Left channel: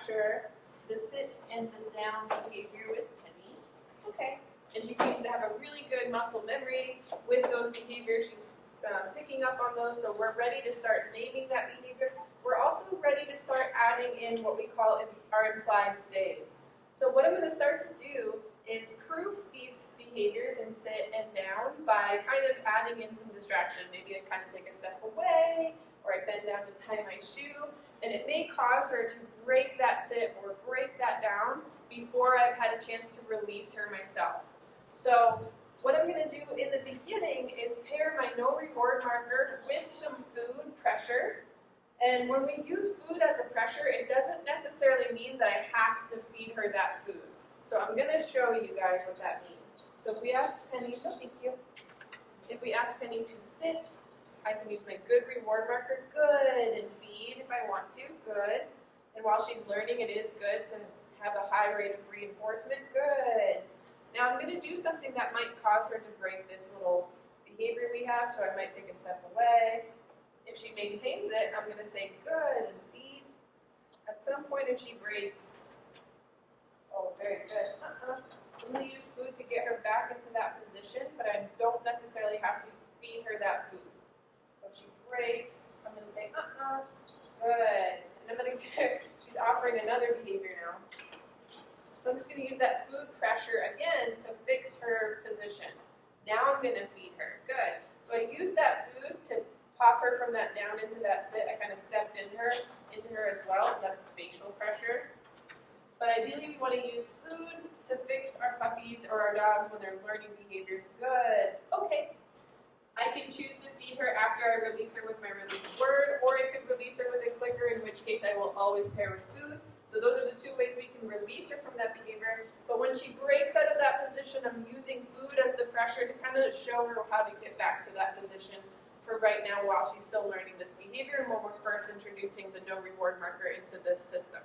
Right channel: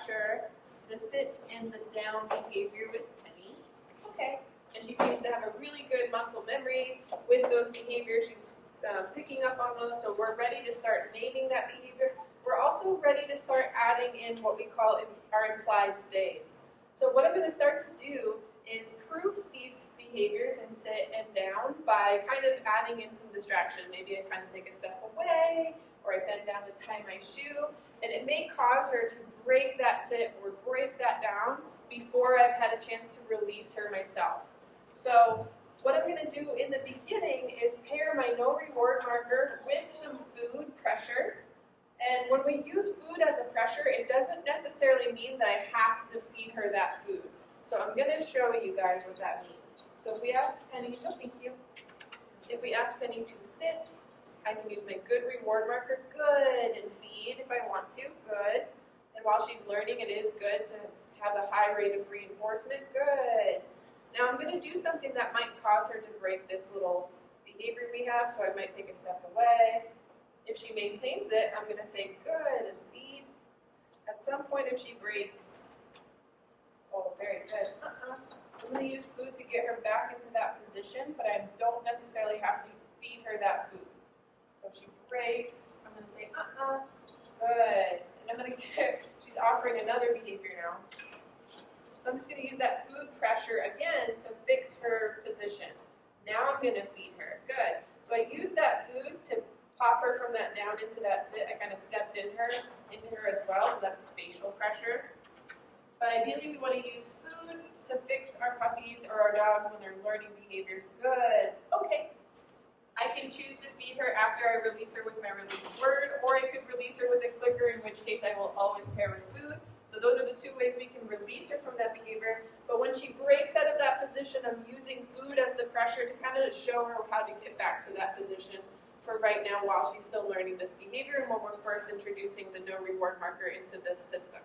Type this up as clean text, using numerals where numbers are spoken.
capture the sit and the down behavior with Penny. Okay. And she seems to have a really good muscle memory with those behaviors. She's picking up on those, so we're ready to start naming that behavior. We're also ready to start adding in what we call our implied stays. So what I'm going to start to do is proof these behaviors in sit and down by kind of adding in some distraction. Maybe I kind of take a step away, or I bend down to tie my shoe, and it may cause her to break that sit or break that down before I've had a chance to release her myself. So what I'm going to do in the beginning is pair my no reward marker with some food pressure. And when we use food as a pressure, it doesn't necessarily mean that I have to feed her that food. So I'm going to show you guys what that means. So if we ask Penny, no thank you. If we ask Penny to sit, I can use my good reward marker, good, and feed if I want to, good. And while she's learning, it is good to have a high rate of reinforcement, good. Now I'm going to do something that might cause her to break this little behavior we have, so I might take a step away. If she maintains it, I'm going to say good and feed. At some point if she breaks, oh, very good. I'm going to use food to get her back into that position, but I don't necessarily have to feed her that food. So if she breaks, I'm going to say good. And I'm going to get, she's offering another behavior now. So I'm just going to use that food pressure again to fix her position. Now I'm going to feed her. Good. So I use that food to pop her from that down into that sit. I kind of stepped into her as well, so that's spatial pressure. But ideally we want to use food to fix our puppies or our dogs when they're learning behaviors. Good. Okay. I can choose to feed her after I release her with my release word, or I could release her with a clicker, in which case I will always pair with food. So those are the two ways we can release her from that behavior. But when she breaks out of that position, I'm using food as the pressure to kind of show her how to get back to that position for right now while she's still learning this behavior and when we're first introducing the no reward marker into this system.